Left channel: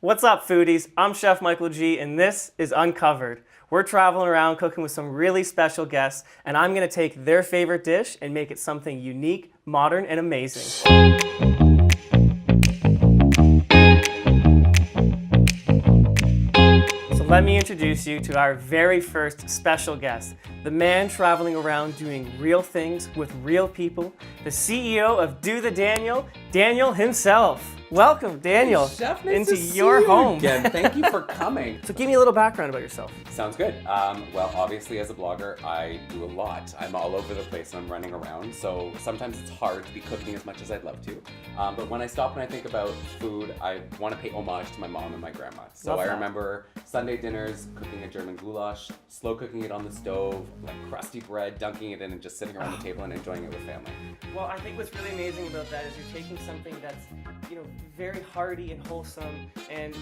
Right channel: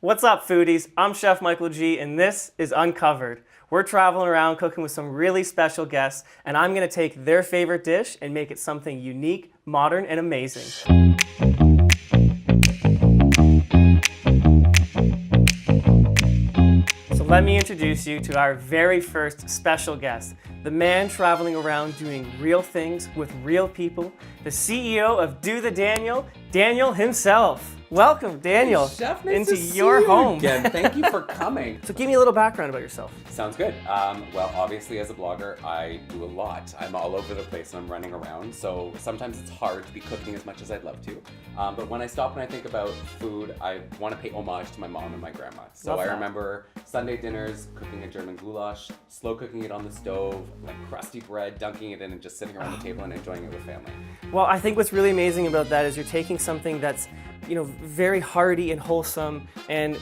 What's up, foodies? I'm Chef Michael G, and this is Uncovered. We're traveling around cooking with some really special guests, and I'm gonna take their favorite dish and make it something unique, modern, and amazing. So let me introduce you to our very first special guest, the man traveling around doing real things with real people, the CEO of Do the Daniel, Daniel himself. Welcome, Daniel, Chef, nice into to see your you home. Again. Thank you for coming. So give me a little background about yourself. Sounds good. Well, obviously as a blogger, I do a lot. I'm all over the place and I'm running around, so sometimes it's hard to be cooking as much as I'd love to. But when I stop and I think about food, I want to pay homage to my mom and my grandma. So I remember Sunday dinners, cooking a German goulash, slow cooking it on the stove, like crusty bread, dunking it in and just sitting around the table and enjoying it with family. Well, I think what's really amazing about that is you're taking something that's, very hearty and wholesome and,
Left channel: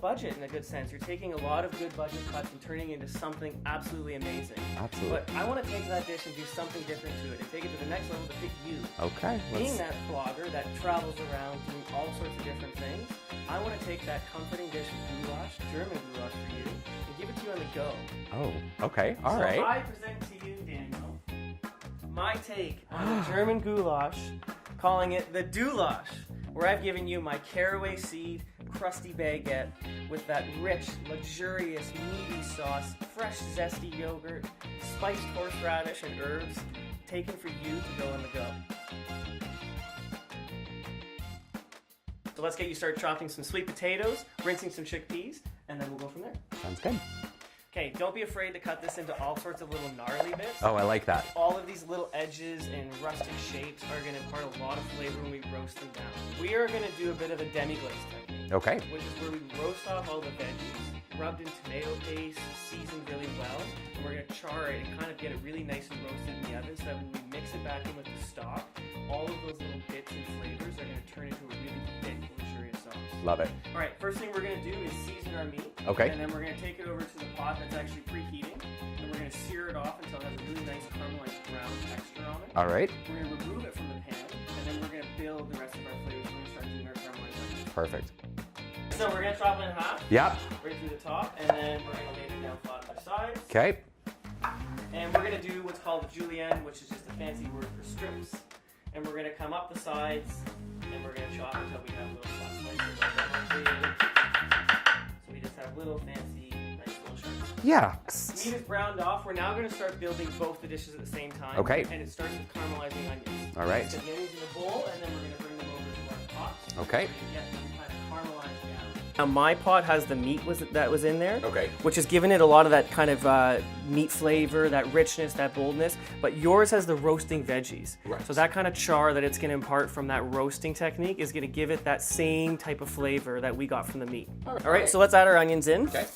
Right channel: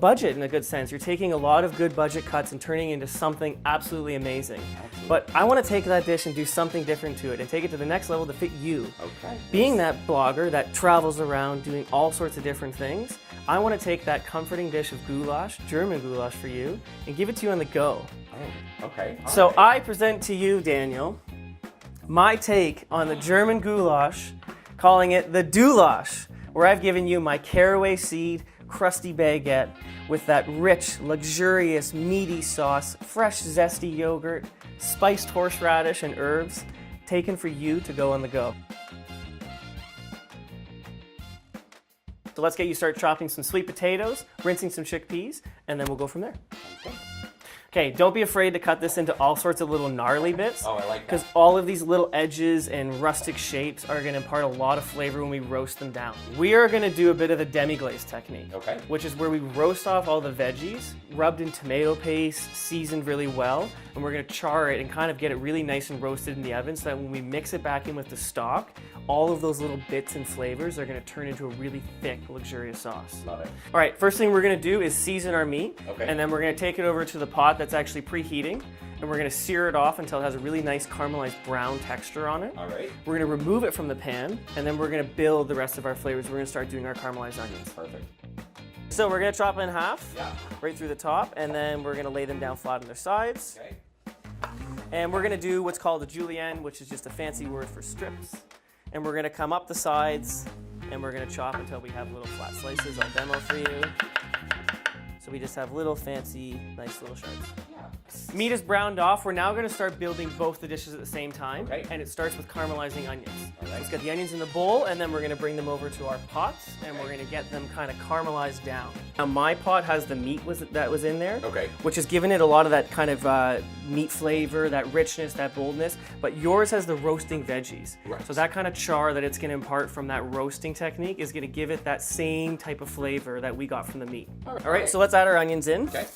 budget in a good sense. You're taking a lot of good budget cuts and turning it into something absolutely amazing. Absolutely. But I want to take that dish and do something different to it and take it to the next level to fit you. Okay. Being that blogger that travels around doing all sorts of different things, I want to take that comforting dish of goulash, German goulash for you, and give it to you on the go. Oh, okay. All So right. I present to you, Daniel, my take on the German goulash, calling it the doulash, where I've given you my caraway seed, crusty baguette with that rich, luxurious, meaty sauce, fresh, zesty yogurt, spiced horseradish and herbs, taken for you to go on the go. So let's get you start chopping some sweet potatoes, rinsing some chickpeas, and then we'll go from there. Sounds good. Okay, don't be afraid to cut this into all sorts of little gnarly bits. Oh, I like Because that. all of these little edges and rustic shapes are going to impart a lot of flavor when we roast them down. We are going to do a bit of the demi-glaze technique. Okay. Which is where we roast off all the veggies, rubbed in tomato paste, seasoned really well, and we're going to char it and kind of get it really nice and roasted in the oven so that when we mix it back in with the stock, all of those little bits and flavors are going to turn into a really thick, luxurious sauce. Love it. All right, first thing we're going to do is season our meat. Okay. And then we're going to take it over to the pot that's actually preheating, and we're going to sear it off until it has a really nice caramelized brown texture on it. All right. We're going to remove it from the pan, and then we're going to build the rest of our flavors. We're going to start doing our caramelized onions. Perfect. So we're going to chop it in half, Yeah. right through the top, and then we're going to lay them down flat on their sides. Okay. And we're going to do what's called a julienne, which is just a fancy word for strips. And we're going to come up the sides, and we're going to chop until we have little flat slices. I'll demo for you. So we just have little fancy, nice little strips. Yeah. Meat is browned off. We're now going to start building both the dishes at the same time. Okay. And it starts with caramelizing onions. All right. Let's get the onions in the bowl, and then we're going to bring them over to our pots. Okay. And we're going to get them kind of caramelized down. Now my pot has the meat that was in there. Okay. Which has given it a lot of that kind of meat flavor, that richness, that boldness. But yours has the roasting veggies. Right. So that kind of char that it's going to impart from that roasting technique is going to give it that same type of flavor that we got from the meat. All right. So let's add our onions in. Okay.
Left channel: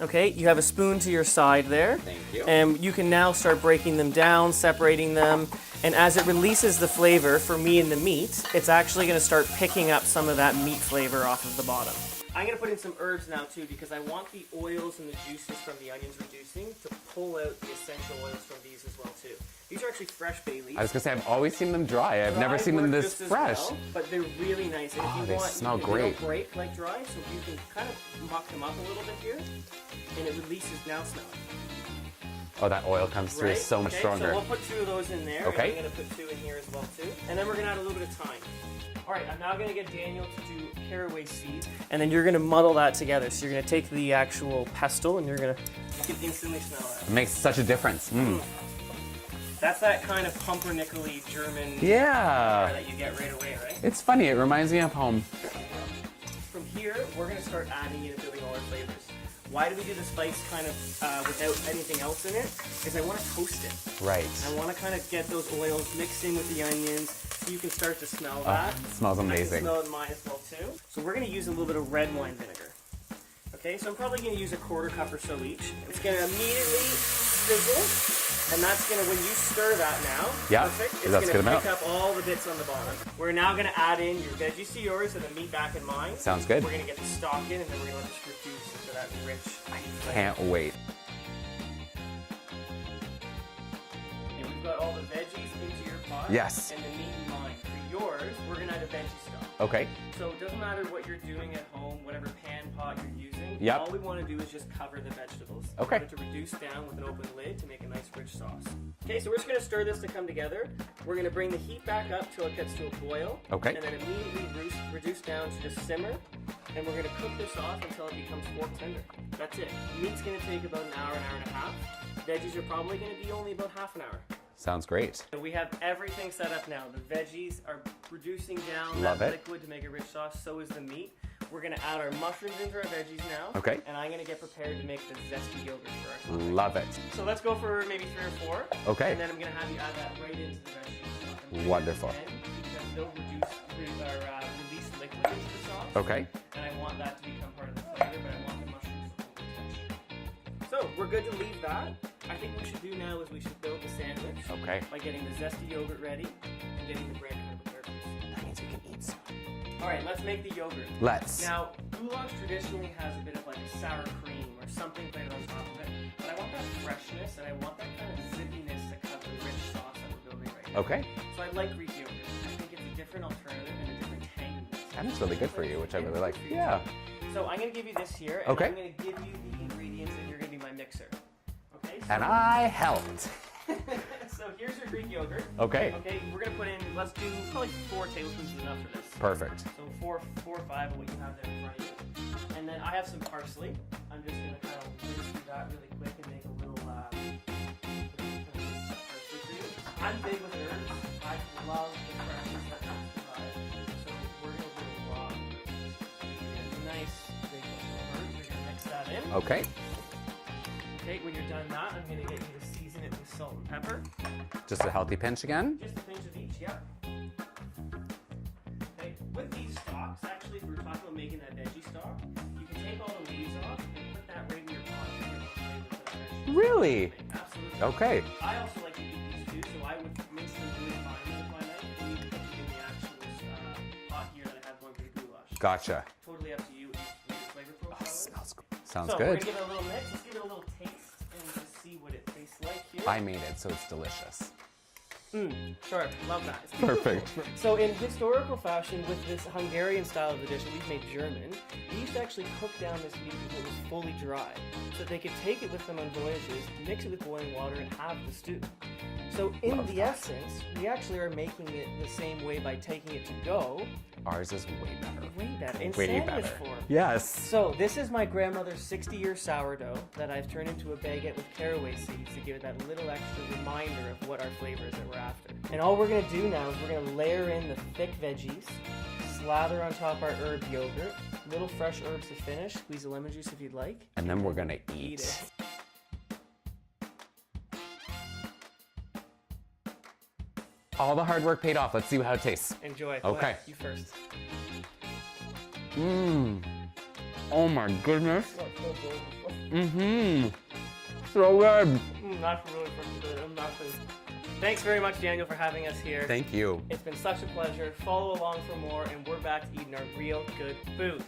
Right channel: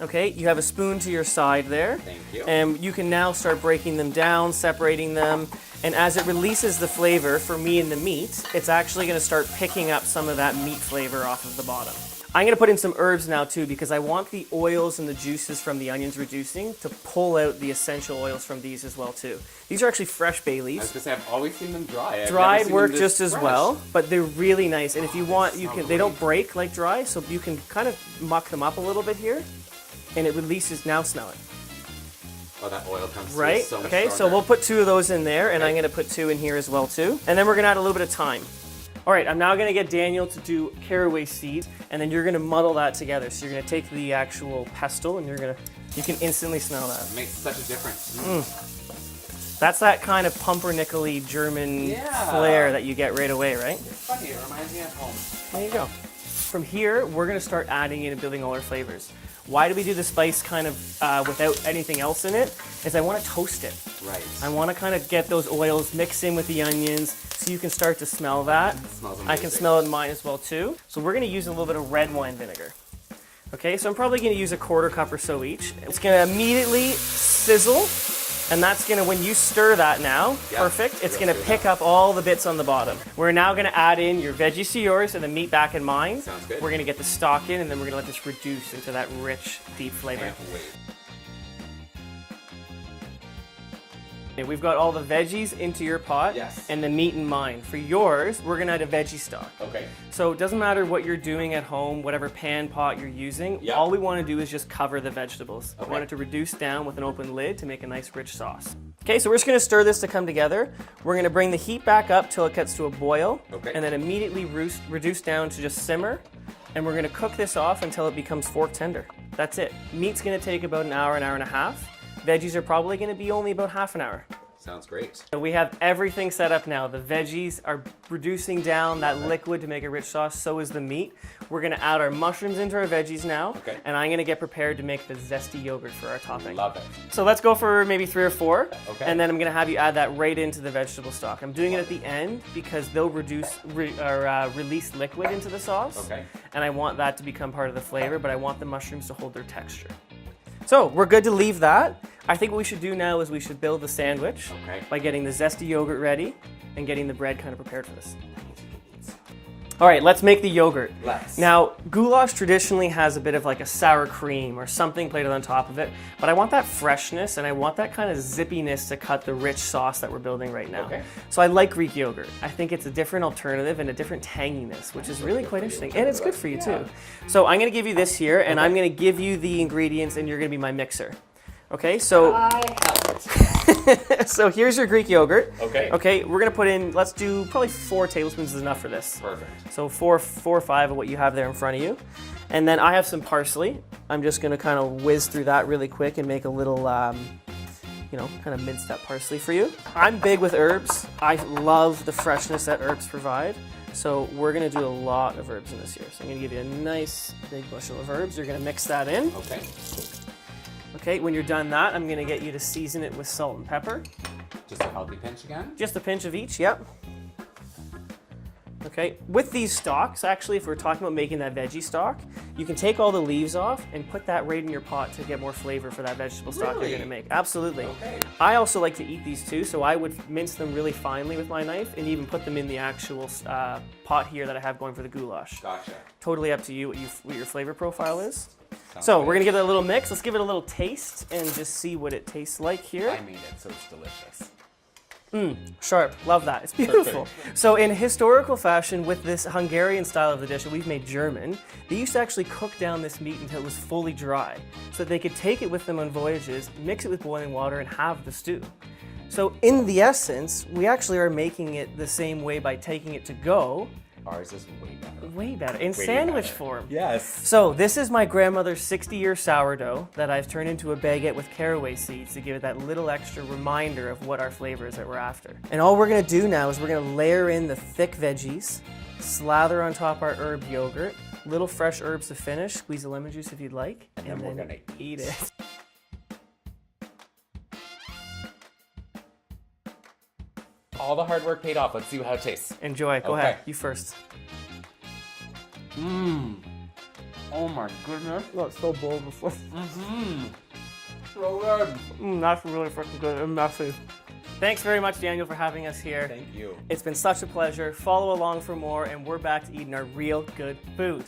Okay, you have a spoon to your side there. Thank you. And you can now start breaking them down, separating them. And as it releases the flavor for me in the meat, it's actually going to start picking up some of that meat flavor off of the bottom. I'm going to put in some herbs now too, because I want the oils and the juices from the onions reducing to pull out the essential oils from these as well too. These are actually fresh bay I was leaves. gonna say I've always seen them dry. I've never Dried seen work them this just as fresh. well, but they're really nice. And if you want, smell they don't great. break like dry, so you can kind of muck them up a little bit here, and it releases. Now smell it. Oh, that oil comes through Right? so much Okay, so stronger. we'll put 2 of those in there, and Okay. I'm going to put 2 in here as well too. And then we're going to add a little bit of thyme. All right, I'm now going to get Daniel to do caraway seeds, and then you're going to muddle that together. So you're going to take the actual pestle, and you can instantly smell that. It makes such a difference. That's that kind of pumpernickel-y German flair that you get right away, right? It's funny. It reminds me of home. There you go. From here, we're going to start adding in and building all our flavors. Why do we do the spice kind of without anything else in it? Is I want to toast it. Right. I want to kind of get those oils mixed in with the onions so you can start to smell that. It smells I amazing. can smell it in mine as well too. So we're going to use a little bit of red wine vinegar. Okay, so I'm probably going to use a 1/4 cup or so each. It's going to immediately sizzle, and that's going to, when you stir that now, Yeah, perfect, it's that's going to good pick enough. up all the bits on the bottom. We're now going to add in your veggies to yours and the meat back in mine. Sounds good. We're going to get the stock in, and then we're going to let this reduce into that rich, deep flavor. Can't wait. Okay, we've got all the veggies into your pot. Yes. And the meat in mine. For yours, we're gonna add a veggie stock. Okay. So it doesn't matter what you're doing at home, whatever pan pot you're using. Yeah. All we want to do is just cover the vegetables. Okay. We want it to reduce down with an open lid to make a nice rich sauce. Okay, so we're just gonna stir this to come together. We're gonna bring the heat back up till it gets to a boil. Okay. And then immediately reduce down to just simmer. And we're gonna cook this off until it becomes fork tender. That's it. Meat's gonna take about an hour and a half. Veggies are probably gonna be only about half an hour. Sounds great. So we have everything set up now. The veggies are reducing down that liquid to make a rich sauce, so is the meat. We're gonna add our mushrooms into our veggies now. Okay. And I'm gonna get prepared to make the zesty yogurt for our topping. Love it. So let's go for maybe 3 or 4. Okay. And then I'm gonna have you add that right into the vegetable stock. I'm doing it Wonderful. at the end because they'll release liquid into the sauce. Okay. And I want that to become part of the flavor, but I want the mushrooms to hold their texture. So we're good to leave that. I think what we should do now is we should build the sandwich Okay. by getting the zesty yogurt ready and getting the bread kind of prepared for this. That means we can eat some. All right, let's make the yogurt. Let's. Now, goulash traditionally has a bit of like a sour cream or something plated on top of it, but I want that freshness and I want that kind of zippiness to cut the rich sauce that we're building right now. Okay. So I like Greek yogurt. I think it's a different alternative and a different tanginess, which is really really good quite for you, interesting. which I And it's really good for you like. Yeah. too. So I'm gonna give you this here and Okay. I'm gonna give you the ingredients and you're gonna be my mixer. Okay, so I helped. so here's your Greek yogurt. Okay. Okay, we're gonna put in, let's do probably 4 tablespoons is enough for this. Perfect. So four or five of what you have there in front of you. And then I have some parsley. I'm just gonna kind of whiz through that really quick and make a little, you know, kind of mince that parsley for you. I'm big with herbs. I love the freshness that herbs provide. So we're gonna do a lot of herbs in this here. So I'm gonna give you a nice big bushel of herbs. You're gonna mix that in. Okay. Okay, when you're done that, I'm gonna get you to season it with salt and pepper. Just a healthy pinch again. Just a pinch of each, yep. Okay, with these stalks, actually, if we're talking about making that veggie stock, you can take all the leaves off and put that right in your pot to get more flavor for that vegetable stock Really? you're gonna make. Absolutely. Okay. I also like to eat these too, so I would mince them really finely with my knife and even put them in the actual pot here that I have going for the goulash. Gotcha. Totally up to you what your flavor profile is. Sounds So good. we're gonna give it a little mix. Let's give it a little taste and just see what it tastes like here. I made it, so it's delicious. Sharp, love that. It's beautiful. Perfect. So in historical fashion, with this Hungarian style of the dish that we've made German, they used to actually cook down this meat until it was fully dry, so that they could take it with them on voyages, mix it with boiling water, and have the stew. So in the essence, we actually are making it the same way by taking it to go. Ours is way better. Way better, in Way sandwich better. form. Yes. So this is my grandmother's 60-year sourdough that I've turned into a baguette with caraway seeds to give it that little extra reminder of what our flavor is that we're after. And all we're gonna do now is we're gonna layer in the thick veggies, slather on top our herb yogurt, little fresh herbs to finish, squeeze a lemon juice if you'd like. And then we're gonna eat it. All the hard work paid off. Let's see how it tastes. Enjoy, go Okay. ahead, you first. Oh my goodness. Oh, it's so bold before. So good. That's really freaking good and messy. Thanks very much, Daniel, for having us here. Thank you. It's been such a pleasure. Follow along for more, and we're back to eating our real good food.